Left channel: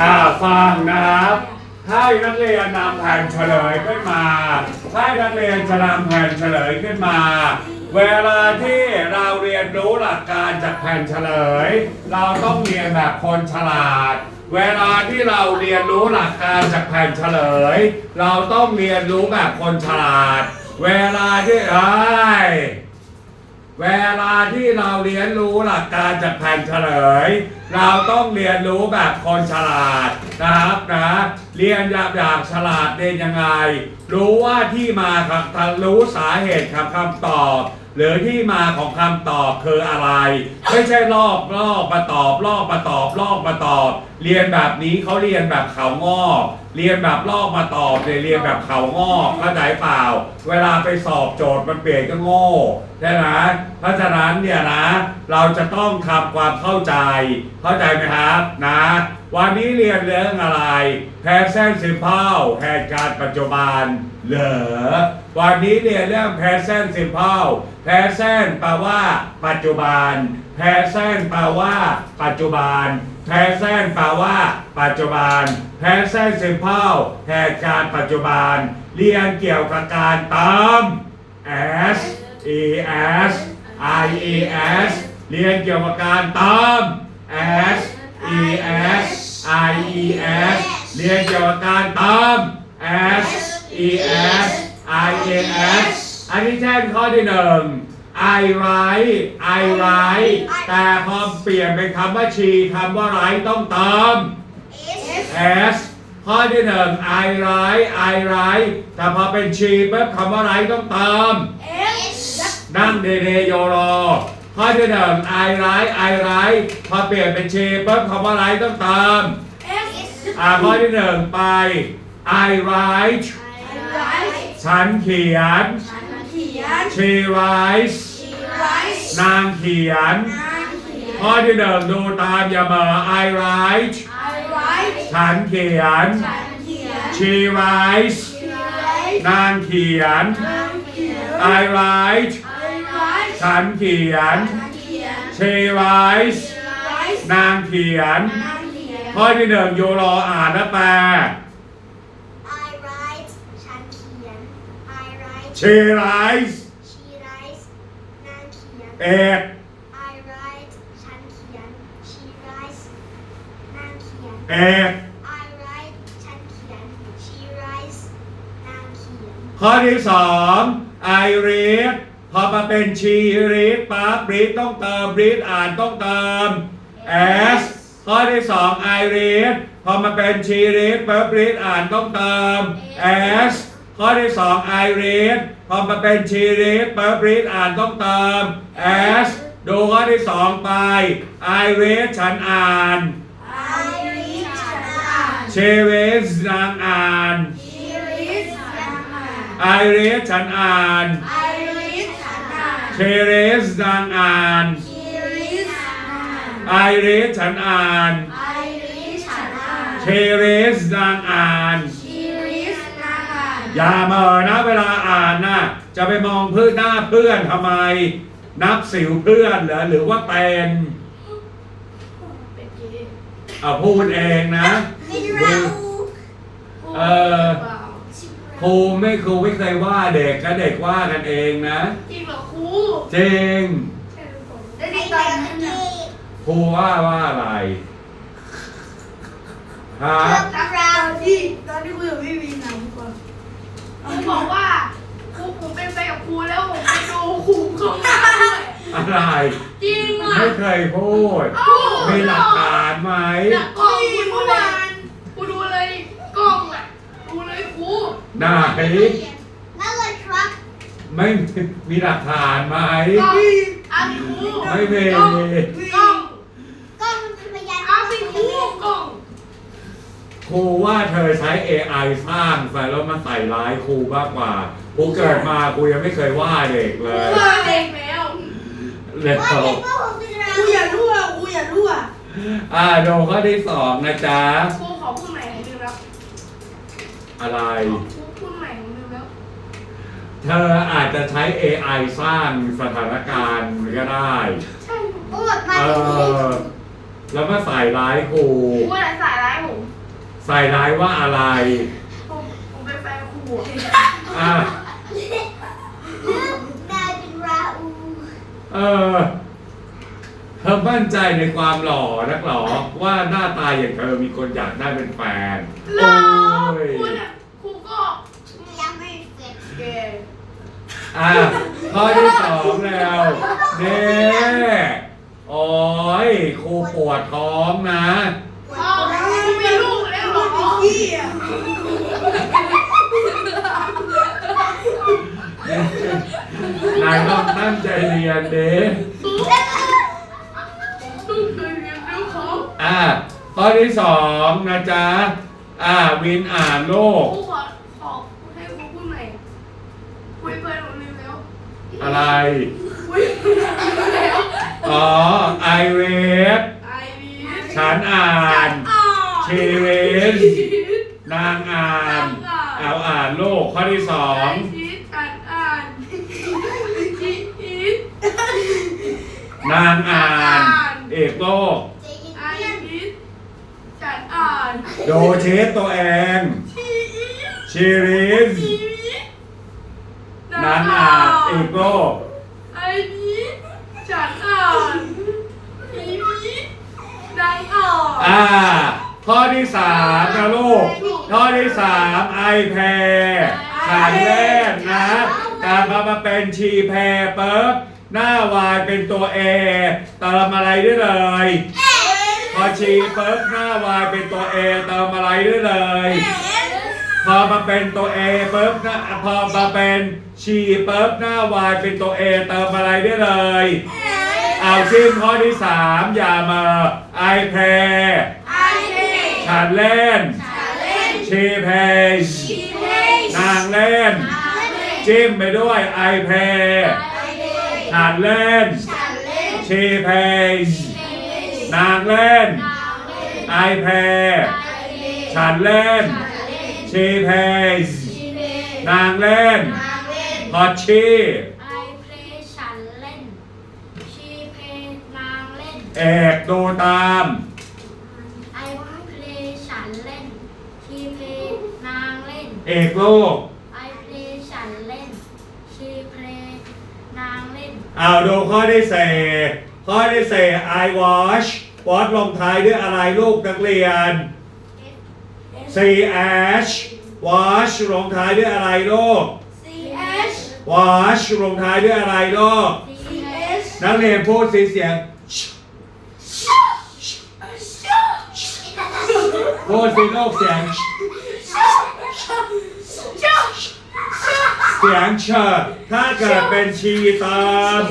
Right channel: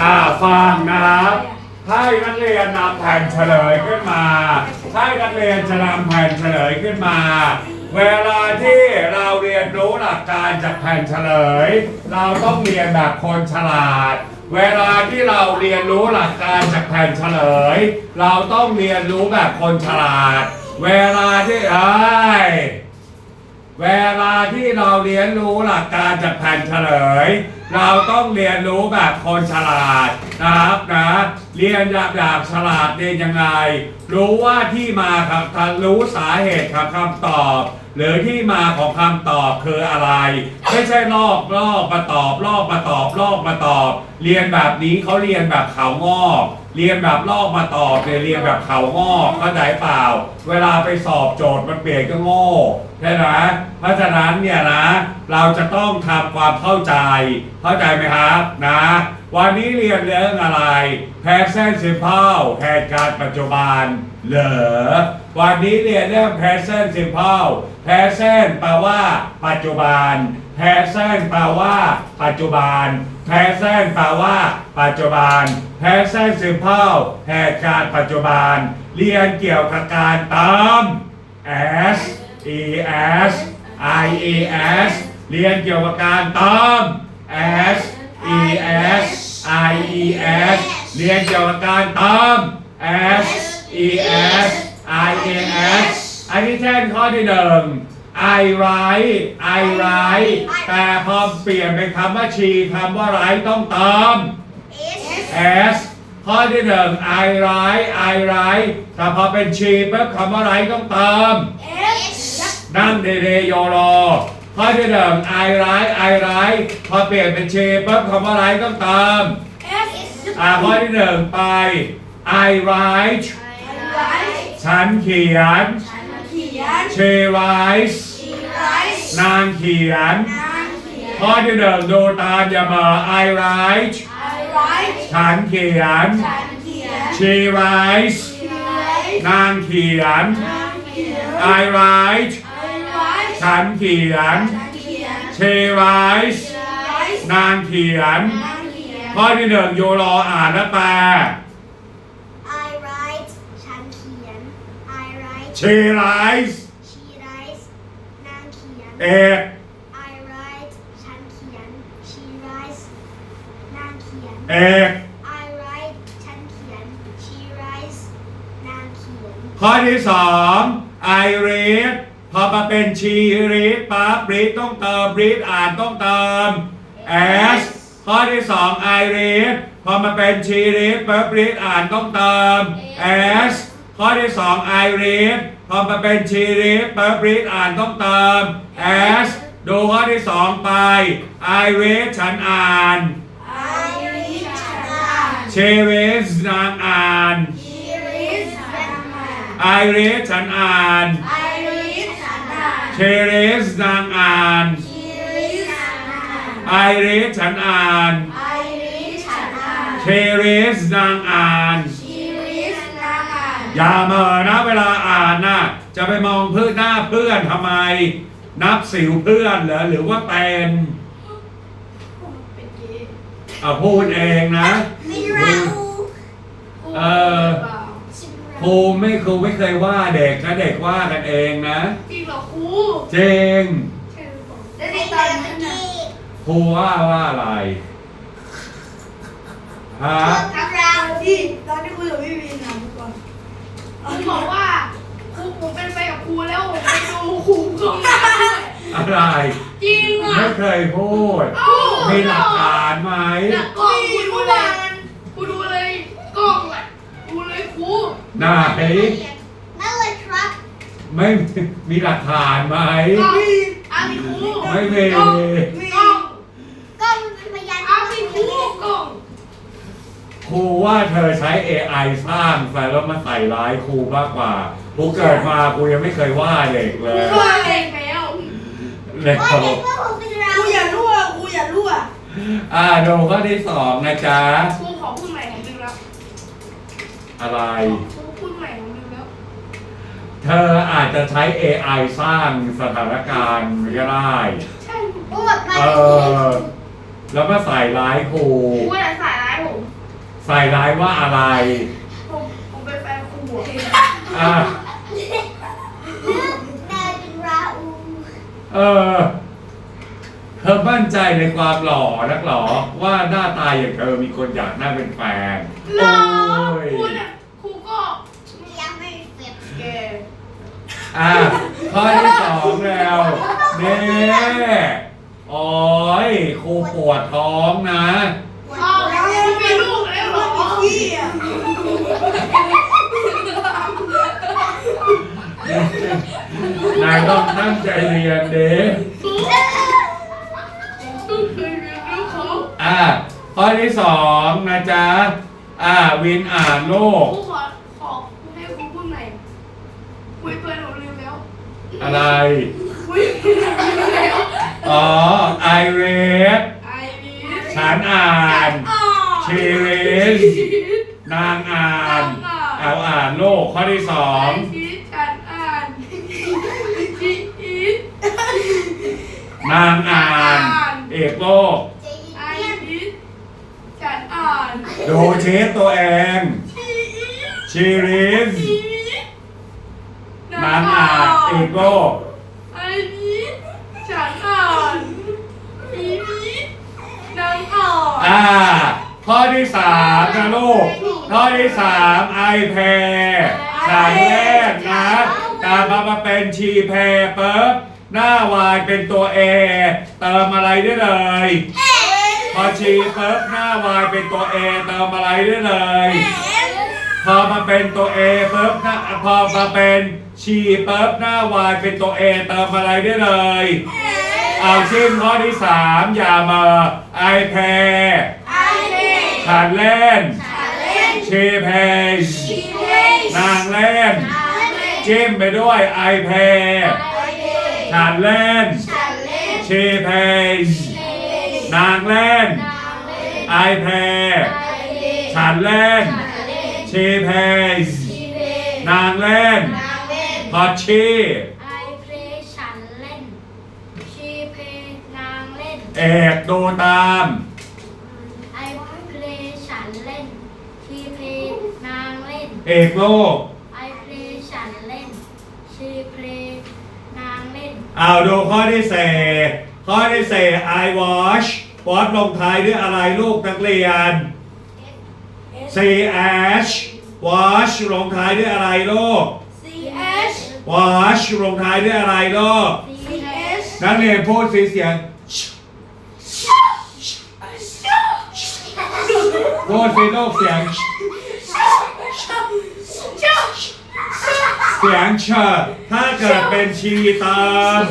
อ่าฟังนะให้นักเรียนนำแผ่นเฉลยขึ้นมาให้นักเรียนจะนำแผ่นเฉลยขึ้นมา เวลาที่เราเรียนรู้หลักการจากแผ่นเฉลย เราต้องเรียนแบบคนฉลาด เวลาที่เราเรียนรู้หลักการจากแผ่นเฉลย เราต้องเรียนรู้แบบคนฉลาด เวลาที่ไอเวลาที่เราเรียนรู้หลักการจากแผ่นเฉลย เราต้องเรียนรู้แบบคนฉลาดนะครับนะ เรียนอยางอย่างฉลาดเรียนยังไง รู้ว่าที่มาครับรู้สาเหตุของคำตอบ หรือที่มาของคำตอบคืออะไร ไม่ใช่ลอกลอกมาตอบลอกมาตอบลอกมาตอบ เรียนแบบนี้เขาเรียนแบบเขางอกเรียนแบบลอกมาตอบเลยเรียนแบบเขางอกเข้าใจเปล่า เวลาไปสอบโจทย์มันเปลี่ยนก็โง่ใช่ไหมเพราะฉะนั้นเนี่ยนะ เราจะต้องทำความเข้าใจ เข้าใจไหมครับนะ วันนี้เรียนเรื่องอะไร present simple เหตุการปัจจุบัน เหรอ วันนี้เรียนเรื่อง present simple present แปลว่า ปัจจุบัน present แปลว่า ปัจจุบัน present แปลว่า ปัจจุบัน present simple เหตุการปัจจุบัน เรียนเกี่ยวกับการเติม s e s i e s เรียนเกี่ยวกับการเติม s e s i e s เรียนเกี่ยวกับการเติม s e s i e s อันนี้เช่นข้อที่หนึ่ง I write I write แต่พอเปลี่ยนเป็นคำว่า she คำว่า write ต้องเติม S ข้อที่หนึ่ง I write I write แต่พอเป็น she ปุ๊บคำว่า write ต้องเติม นั่งเดเดโยโรข้อที่หนึ่ง I write I write พอเปลี่ยนเป็น she ปุ๊บคำว่า write ต้องเติม อ่าข้อที่หนึ่งไป I write ฉันเขียน she writes นางเขียนข้อที่หนึ่งดูตามอย่าเหมอ I write ฉันเขียน she writes นางเขียน I write ฉันเขียน she writes นางเขียน ข้อที่หนึ่งยูโรอ่านและแปล I write ฉันเขียน I write she writes she writes นางเขียน เอก I write ฉันเขียน she writes นางเขียน เอก I write ฉันเขียน she writes นางเขียน ข้อที่สอง I read พอมาเป็น she read ปั๊บ read ต้องเติม read อ่านต้องเติม s ข้อที่สอง I read พอมาเป็น she read ปั๊บ read อ่านต้องเติม s ข้อที่สอง I read พอมาเป็น she read ปั๊บ read อ่านต้องเติม s ดูข้อที่สองไป I read ฉันอ่าน I read ฉันอ่าน she reads นางอ่าน she reads ฉันอ่าน I read ฉันอ่าน I read ฉันอ่าน she reads นางอ่าน she reads ฉัน อ่าน I read ฉันอ่าน I read ฉันอ่าน she reads นางอ่าน she reads นางอ่านอย่าเหมอนะเวลาอ่านนะจะไปมองเพื่อนหน้าเพื่อนทำไม นับสิวเพื่อนเหรอหรือว่าเป็นอะพูดเองนะไม่เราเออครูไม่ครูไม่เคยว่าเด็กนะเด็กว่ากันเองนะ จริงเหรอครูจริงแล้วในไม่ตแบอนบนั้น นี้น่ะครูว่าว่าอะไรฮะชอบเราตอนที่ตอนที่คุยกับพี่วีนะเมื่อก่อนครูบอกว่าครูผมเป็นไปกับครูแล้วผมไปดูครูข้างหน้าด้วยอะไร จริงอะไม่เคยพูด เอ้ามีหลักฐานไหม หลักกล้องครูดูเลยครูดูเลยกล้องอะดูเลยครูไหน นั่นเลยครับไม่มีหลักฐานไหม กล้องอาสิครูไม่มี กล้องกล้อง ก็มันเป็นพยาน อาสิครูกล้อง ครูว่าเธอใช้ AI สร้างใส่แล้วมาใส่ร้ายครูมากกว่าครูเกิดมาครูยังไม่เคยว่าเด็กเลครูยเคยเองแล้วเด็กว่าเขาเด็กว่าผมเป็นเราครูอย่ารั่วครูอย่ารั่วอ่าดูข้อที่สองนะจ๊ะ ครูขอพูดใหม่หน่อยลืมแล้วอะไร ครูพูดใหม่ผมลืมแล้วเธออาจจะใช้ AI สร้างสถานการณ์ก็ได้ ใช่พูดมาเอเป็นอแล้วมาใส่ร้ายครู ครูไหนสายร้ายผม ใส่ร้ายว่าอะไรผมผมเป็นแฟนครูอะเลือกนายเป็นราอูเออเธอมั่นใจในความหล่อนักหรอว่าหน้าตาอย่างเธอมีคนอยากได้เป็นแฟนหรอโอ้ยครูเนี่ยครูก็ยังไม่เสร็จแกอะข้อที่สองแล้วเน่โอ้ยครูปวดท้องนะ นายต้องตั้งใจเรียนเด้ครูลูกเรียนแล้วเขาอะข้อที่สองนะจ๊ะ อะวินอ่านโลก ครูขอขอให้ครูพูดใหม่คุยเพื่อนหนูลืมแล้วอะไร คุยเพื่อนหนูลืมแล้วอ๋อ ไอเวฟไอรีสฉันอ่านอ๋อชีวิตนางอ่าน เอาอ่านโลกข้อที่สอไอง ชีสฉันอ่านชีอีส นางอ่านเอกโลกเจยิไอเลียนชีสฉันอ่านดูเชฟตัวเองชีอีสชีรินชีอีสนางอ่าน เอกโลก ไอชีสฉันอ่านชีอีสนางอ่านอ่า ข้อที่สามนะลูก ข้อที่สามไอแพรสายแรกนะ ตามมามาเป็นชีแพรเปิ๊บ หน้าวายเป็นตัวเอเติมอะไรได้เลย พอชีเปิ๊บหน้าวายเป็นตัวเอเติมอะไรได้เลย พอมาเป็นตัวเอปุ๊บนะพอมาเป็นชีปุ๊บหน้าวายเป็นตัวเอเติมอะไรได้เลย เอาซึ่งข้อที่สามอย่ามาไอแพรไอเดฉันเล่นฉันเล่น ชีเพจชีเพสนางเล่นฉันเล่น จิ้มไปด้วยไอแพรไอเด ฉันเล่นฉันเล่นชีเพจชีเพสนางเล่นนางเล่น ไอแพรไอเดฉันเล่นฉันเล่นชีเพจชีเพสนางเล่นนางเล่นพอชีไอเพลย์ฉันเล่นชีเพลย์นางเล่นเอกดูตามไอเพลย์ฉันเล่นชีเพลย์นางเล่น เอกโลก เล่นเอาดูข้อที่เศษข้อที่เศษ I wash wash ลงท้ายด้วยอะไรลูกนักเรียน C H wash ลงท้ายด้วยอะไรลูกซีเอช wash ลงท้ายด้วยอะไรลูกซีเอชนักเรียนพูดสีเสียงพูดสีลูกเสียง สียงเชอถ้าเกิดเป็นชีตาม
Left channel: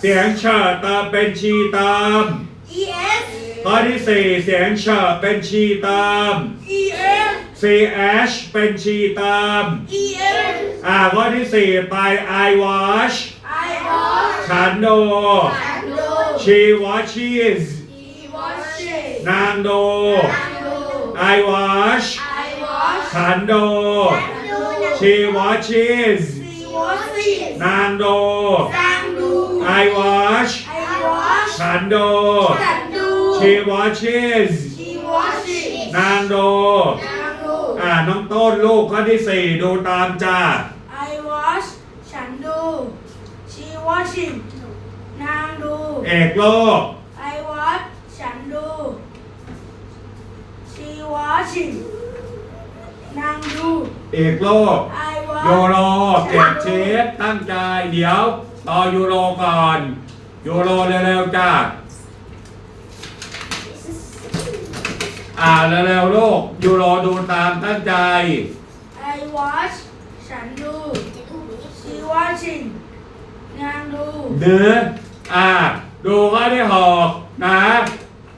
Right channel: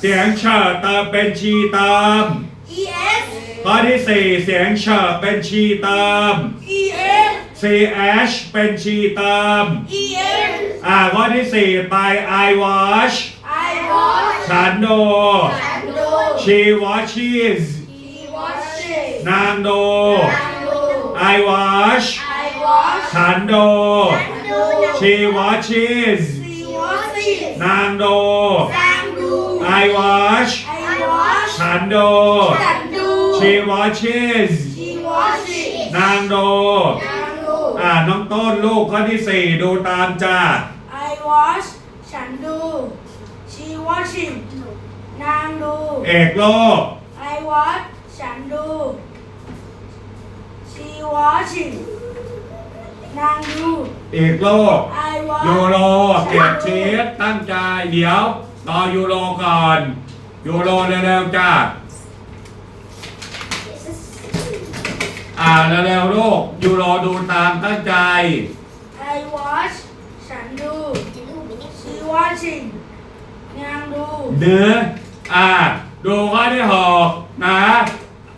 เสียงเชอเติมเป็นชีตามอีเอสข้อที่สี่เสียงเชอเป็นชีตามอีเอส ch เป็นชีตามอีเอสอ่าข้อที่สี่ไป I wash ไอวอชฉันโดฉันดู she washes อีวอชนางโดฉันดู I wash ไอวอชฉันโดดู she washes ซีวอชนางโดฉันดู I wash ไอวอชฉันโดฉันดู she washes ชีวอชนางโดฉันดู อ่าน้องต้นลูกข้อที่สี่ดูตามจ้า I wash ฉันดู she washing นางดู เอกโลก I watch ฉันดู she watching นางดูเอกโลก I watch ยูโรเก็บชีสตั้งใจ เดี๋ยวรอยูโรก่อน ยูโรเร็วๆจ้าอ่าเร็วๆลูก ยูโรดูตามตั้งใจ I watch ฉันดู she watching นางดูเนื้ออ่า ดูข้อที่หกนะ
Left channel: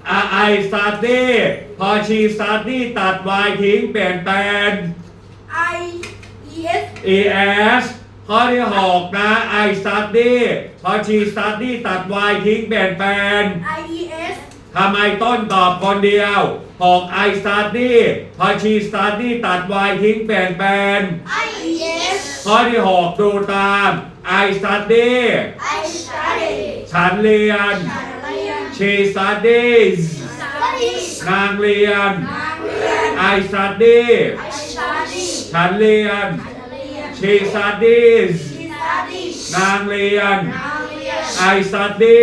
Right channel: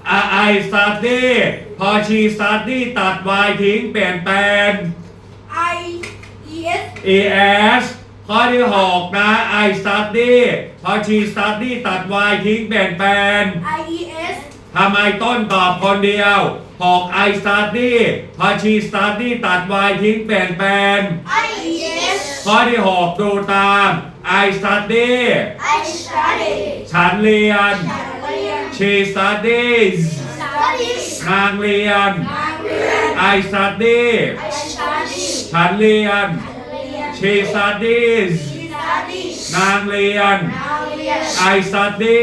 อ่าไอสตัดดี้พอชีสตัดดี้ตัด y ทิ้งเปลี่ยนแปลง I yes es ข้อที่หกนะ I study พอชี study ตัด y ทิ้งเปลี่ยนแปลง I es ทำไมต้นตอบคนเดียวหก I study พอชี study ตัด y ทิ้งเปลี่ยนแปลง I es ข้อที่หกดูตาม I study I study ฉันเรียน ฉันเรียน she studies studies นางเรียน นาง I study I study ฉันเรียนฉันเรียน she studies She studies นางเรียนนางเรียน I study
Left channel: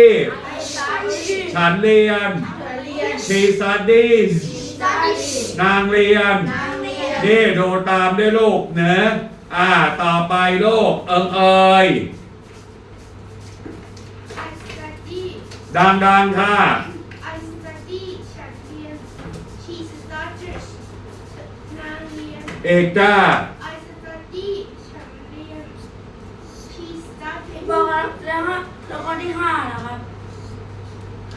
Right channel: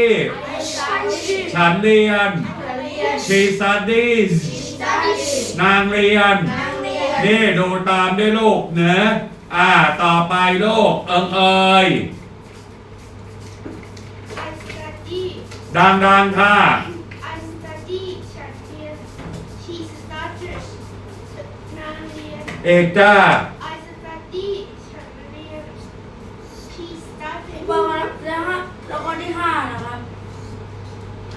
I study ฉันเรียนฉันเรียน she studies She studies นางเรียนนางเรียนนี่ดูตามด้วยลูกเนะอ่าต่อไปลูกเอิงเอ่ย I study ดังๆค่ะ I study ฉันเรียน She studies นางเรียนเอกจ้า I study ฉันเรียน She studies บอกครับแล้วฮะแล้วก็ที่ห้านะครับ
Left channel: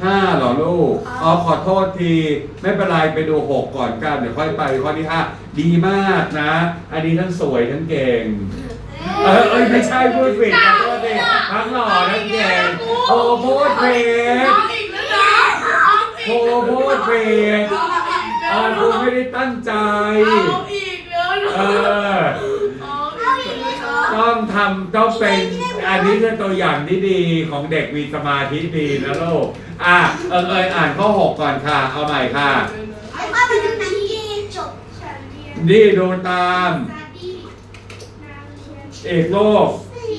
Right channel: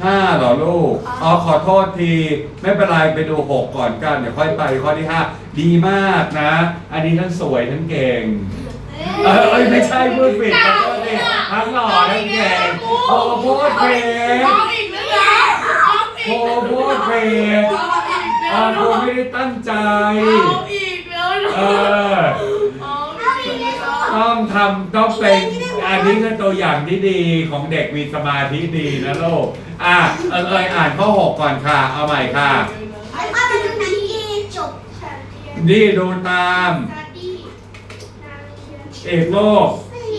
ห้าเหรอลูก อ๋อขอโทษที ไม่เป็นไรไปดูหกก่อนกัน เดี๋ยวค่อยไปข้อที่ห้าดีมากนะ อันนี้ทั้งสวยทั้งเก่ง เออเอ้ยไม่ใช่พูดผิดขอโทษทีทั้งหล่อทั้งเก่งโอ้พูดผิดเอาอีกแล้วนะเอาอีโอ้กพูดผิดเอาอีกอ่าแล้วคุณไม่ได้ตั้งใจ เอาอีกแล้วนะเอเออีกแล้วนะ ต้องทำต้องเป็นอันนี้คือตัวอย่างที่ดีของเด็กมีสมาธิดีนะลูกอะเอิงเอยอ่านข้อหกก่อนค่ะ เอาใหม่ค่ะนี่ดูตามเอกโลกเรี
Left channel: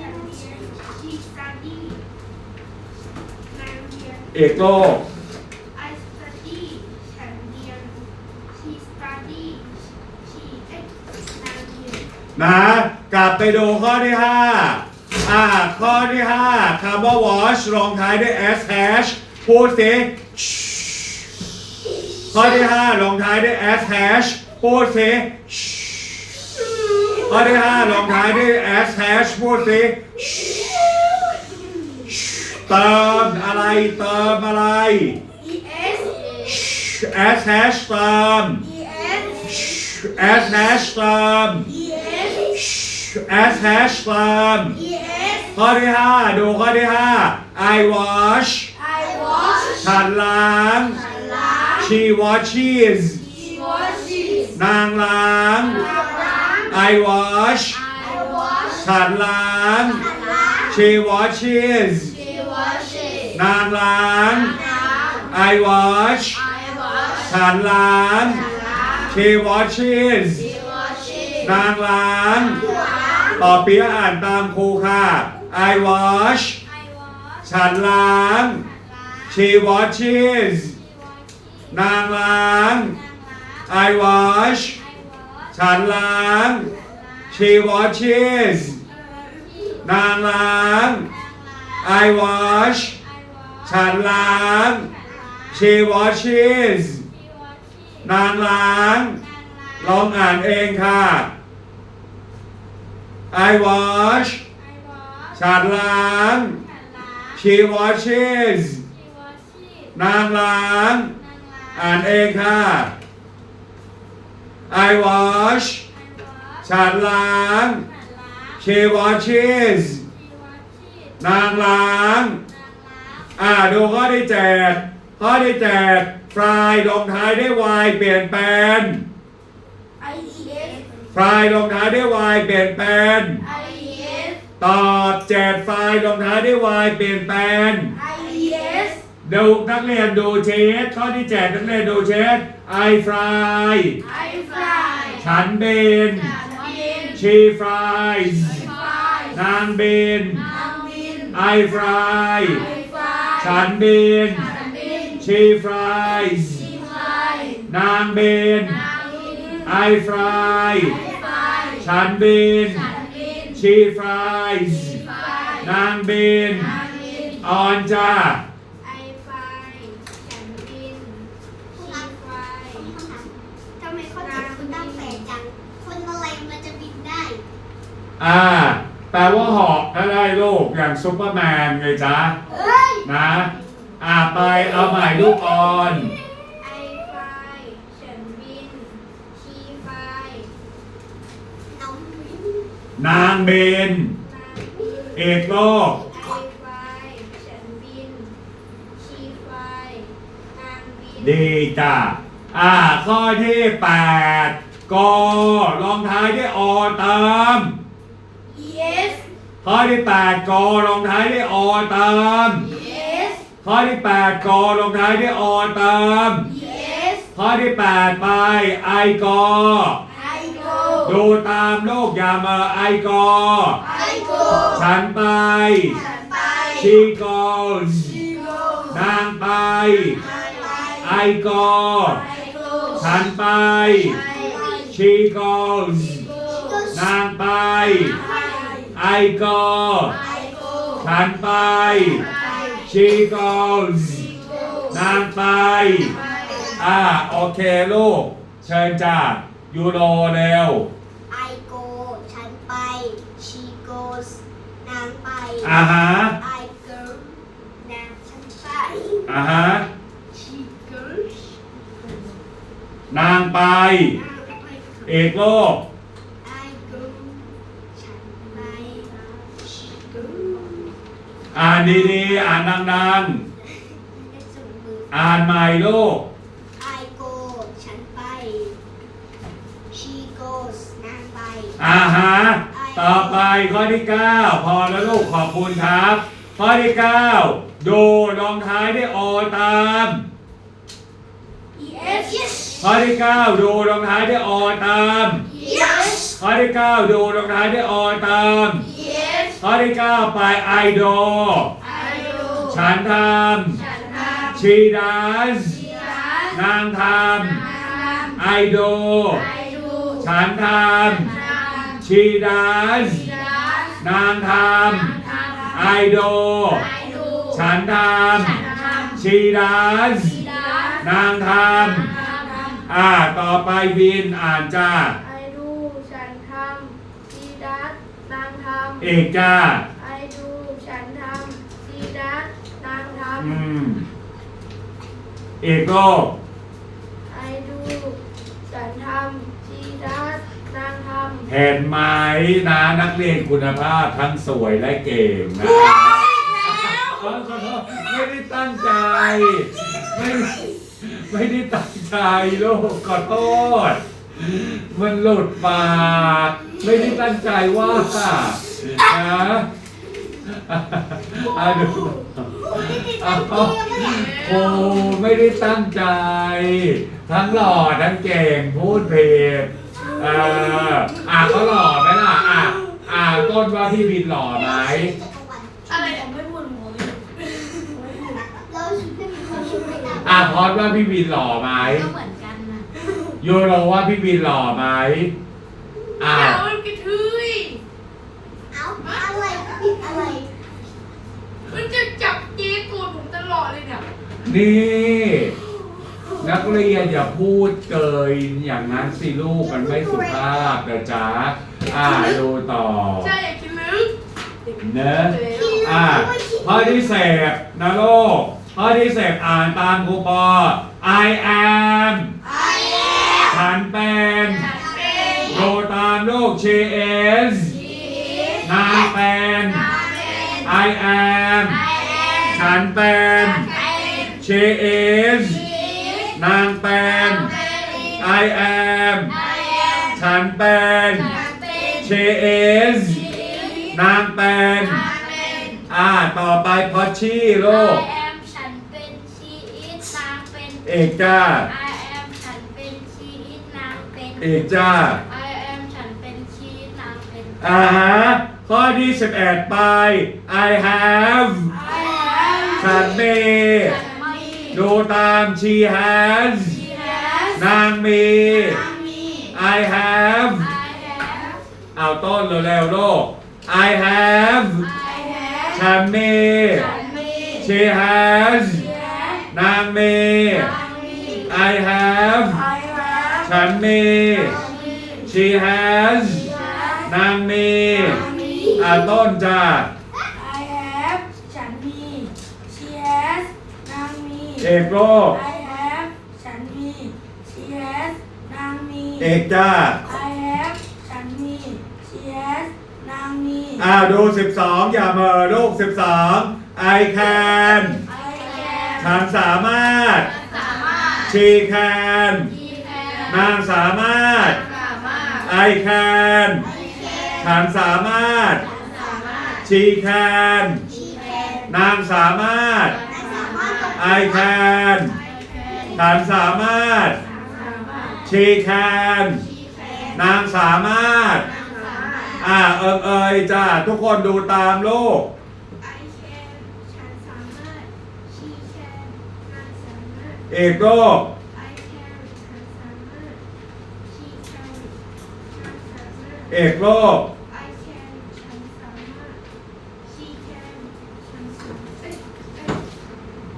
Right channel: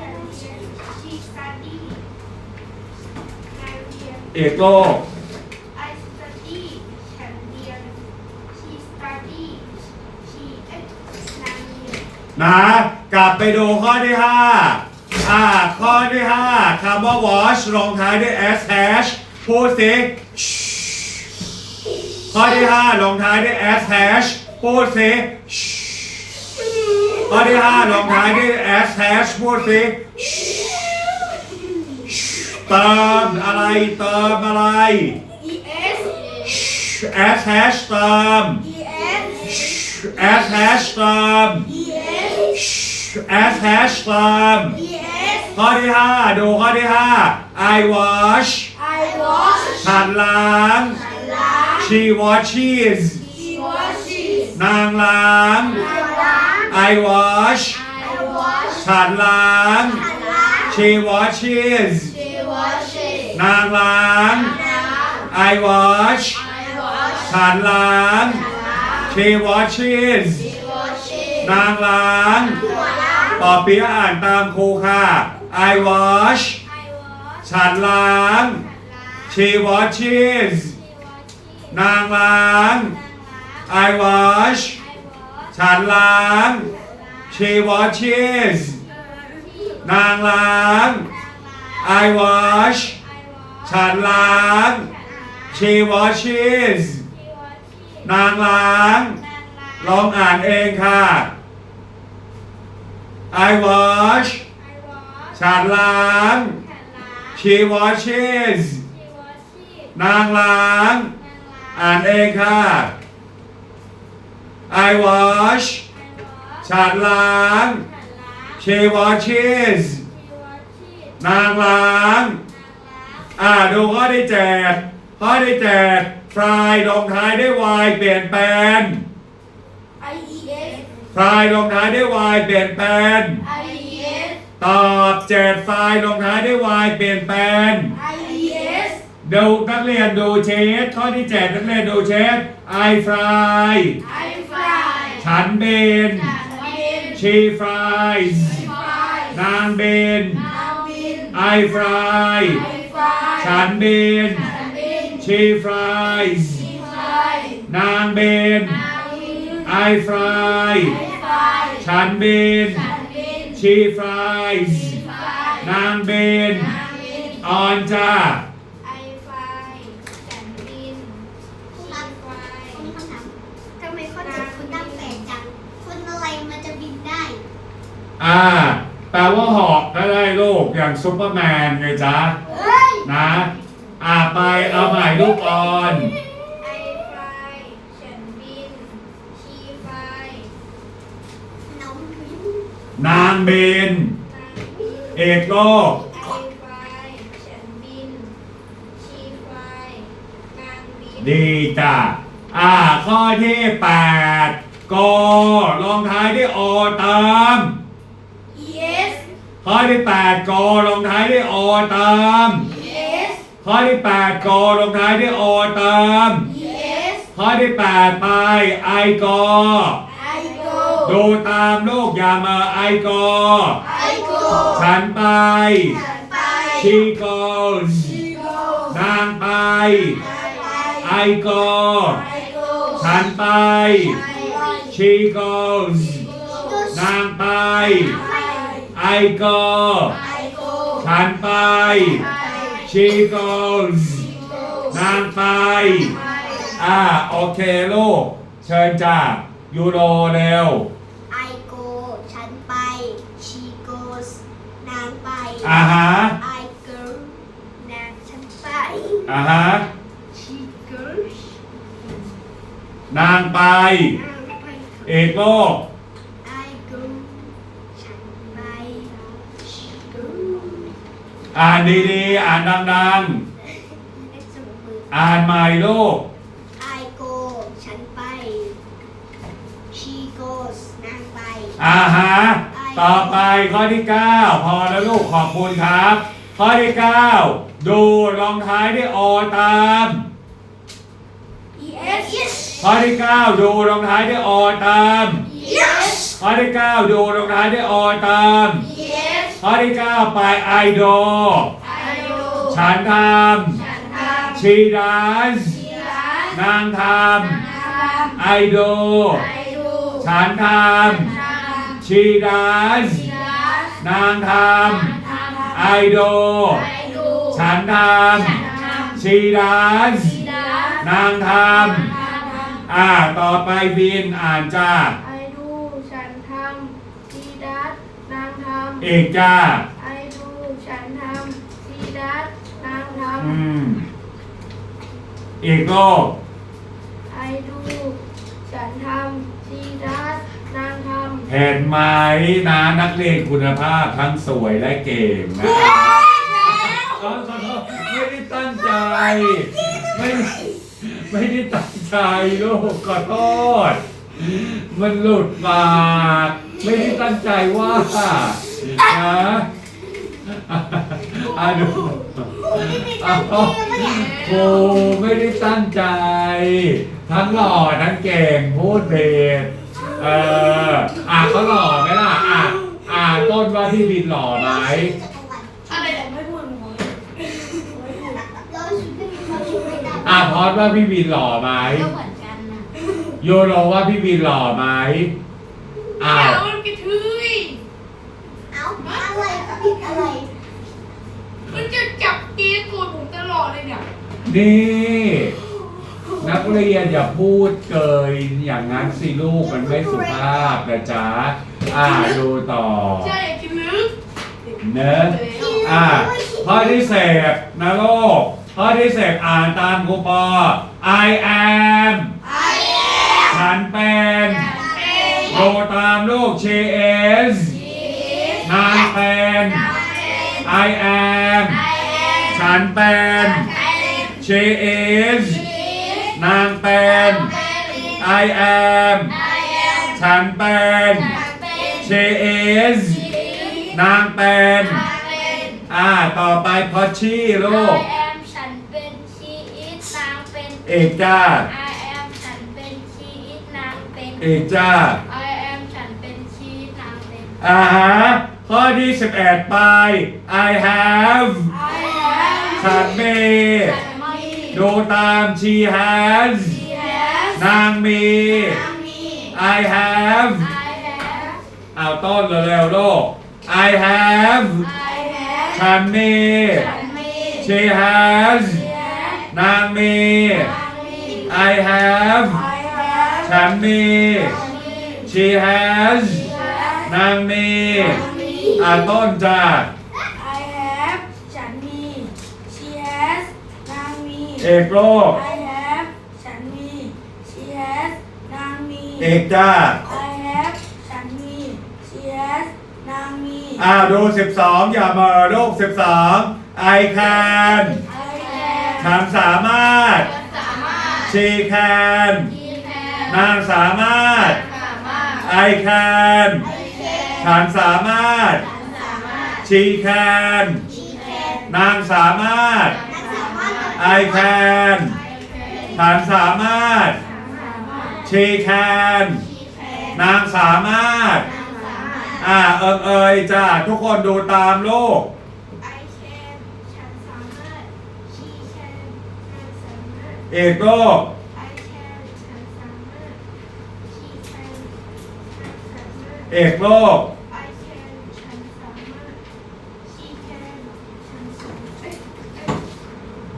ยน She study นางเรียนเอกโลก I study ฉันเรียน She study She เอ๊ะนางเรีย นนะ กลับไปดูข้อที่ 5 อ่า ข้อที่ 5คำว่า wash ลงท้ายด้วย sh พูดสิ ข้อที่ 5 ลงท้ายด้วย sh พูดสิ ข้อที่ 5 ลงท้ายด้วย sh พูดสิเติมอะไรเติมอะไร E S sh เติม E S sh เติม E S sh เติม E S ข้อที่ 5 ดูข้อที่ 5 I wash I wash ฉันล้าง ฉันล้าง she washes She washes นางล้าง นางล้าง I wash I wash ฉันล้าง ฉันล้าง she washes She washes นางล้าง ล้าง I wash I wash ฉันล้าง ฉันล้าง she washes She washes นางล้าง ล้าง ต่ อเปียอ่านตามครูค่ะ I wash I wash ฉันล้างฉันล้าง she washes She watches นางล้างนางล้าง I wash I wash ฉันล้างฉันล้าง she washes นางล้าง I wash ฉันล้าง she washes นางล้าง ลองอ่านเองค่ะ I wash ฉันล้าง she washes นางล้าง อ่านเองค่ะ I wash ฉันล้าง she washes นางล้าง อ่าดูข้อที่เจ็ดข้อที่เจ็ดฟรายลงท้ายด้วย y เปลี่ยนแปลง S ฟรายลงท้ายด้วย y เปลี่ยนแปลง I E S ตอบเจ็ดฟรายลงท้ายด้วย y เปลี่ยนแปลง I E S ดูนักเรียนดูเชสข้อที่เจ็ดนักเรียนดูเชส I fry I fry ฉันบินฉันบิน she fries I fry นางบินนางบิน I fry I fry ฉันบินฉันบิน she fries She fry นางบินนางบิน I fry I fry ฉันบินฉันบิน she fries She fry นางบินนางบินออนจ้าไอไฟฉันบินชีไฟผมมีคำถามทำไมข้อเจ็ดคุณตั้งแปลกจังคนอะไรมันจะบินได้อ่าแปลว่าหอกก็ได้ลูกอย่างซุปเปอร์แมนไงจ๊ะเอ้ยนะ อ่าไปเอาใหม่ลูกออน ไอไฟฉันบินชีไฟ น้องบิน นางบิน นางบิ นเอกโลกไอไฟฉันบินชีไฟนางบินดีจ้ะอ่า ข้อที่แปดกลงท้ายด้วยอเติม E S ข้อที่แปดกลงท้ายด้วยอเติม E S ข้อที่แปดกอลงท้ายด้วยอเติม yes ข้อที่แปดไปไอกอ I go ดูตามลูกอย่ามาไอกอ I go ฉันไป ฉันไป she goes she go นางไป I I go go ฉันไป she goes นางไป I go ฉันไป she goes นางไป อ่า โอเคลูก เชิญจ้ายูโรเร็ว อ่าฮะ I go นางฉันไป อ่าฮะ she goes นางไป นางไป เอกโลก I go ฉันไป she goes อ่านดีๆ อ่านดังให้สูงมือ ๆ อ่านใหม่ลูก I go ฉันไป she goes นางไป อ่าฮะ ต่อไปข้อที่ 9 พอแล้วลูกขอบคุณครับ ข้อที่ 9 ดูลงท้ายด้วยโอตาม yes yes ข้อที่ 9 ดูลงท้ายด้วยโอตาม yes ข้อที่ 9 ดูลงท้ายด้วยโอตาม yes ข้อที่ 9 ไปไอโด I go ฉันทฉันทำชีดัสำร้านนางททำไอโดำไอดูฉันททำำ ชีดัสร้านนางททำำไอโดไอดูฉันทฉันทำชีดัสำร้านนางททำำอ่า ต่อไปบินอ่านจ้า ไอดูฉันทำซีดัสนางทำเอกจ้า ไอดูฉันทำซีดัสนางทอืม เอกโลกำไอดูฉันทำซีดัสนางทำ เห็นไหมนะนักเรียนคุณภาพทั้งสวยและเก่งนะขอโทษไม่ได้ตั้งใจ ไม่ไม่ได้ตั้งใจลูกขอโทษ มันหลุดปากไม่ได้ตั้งใจว่านะอะดูอาครูไม่ได้ตั้งใจ ทั้งหล่อทั้งเก่งพูดผิด เอออะเขาหล่อไหมล่ะอะอะต้นว่าพี่บินหล่อไหมอะไรแต่ไม่พูดหนูไม่พูดเราชุดเราชุดไม่ได้อะพอดว่าพี่บินหล่อไหมก็เหมือนกันนะยูโรว่าพี่บินหล่อไหมอ้าอย่าวมันกระทืยเอาอะไรผิดอะไรมันจะจับเกย์ตัวผมตลอดเลยเนี่ยนี่ นักเรียนอย่าพูดเกินอย่างนั้นสิลูกมันไม่สุภาพนะจ๊ะอ่าดูต่อใช่อยากกินลึกเนอะอ่าข้อที่เสพนะลูกข้อที่เสพอ่านตามครูปอ I am ไอแอมฉันเป็นเอ็นดูตามลูก she is นางเป็น I am ฉันเป็น she is นางเป็น I am ฉันเป็น she is นางเป็น อ่า ต่อไปพอชี่ลูก I am ฉันเป็น she is นางเป็น เอกจ้า I am ฉันเป็น she is นางเป็น เอกจ้า I am ฉันเป็น she is นางเป็น อ่าฮะข้อที่11ไป I have ฉันมี ฉันไม่ ดูตาม she has นางมี I have I have เอาต้นเร็วๆลูก I have ฉันมี she has นางมี I have ฉันมี she has นางมีอ่าต้นจ้า I have ฉันมี she has นางมี เอ กโลก I have ฉันมี she has นางมี เอกจ้า I have ฉันมี she has นางมี อ่าดู 12 อย่าเหมอลูก 12 I can I can ฉันสามารถ สามารถ she can ที่แทนนางสามารถ สามารถ I can ฉันสามารถ สามารถ she can นางสามารถ นางสาม I can ฉันสามารถ she can นางสามารถ อ่าเอิงเอยจ้าทุกคนดูตามลูก I can ฉันสามารถ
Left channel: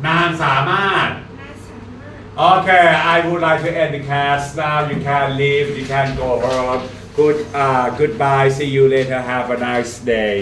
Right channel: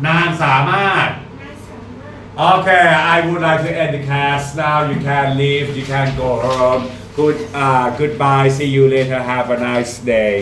นางสามารถ นางสามารถ Okay, I would like to end the class now. You can leave. You can go home. Good. Uh, goodbye. See you later. Have a nice day.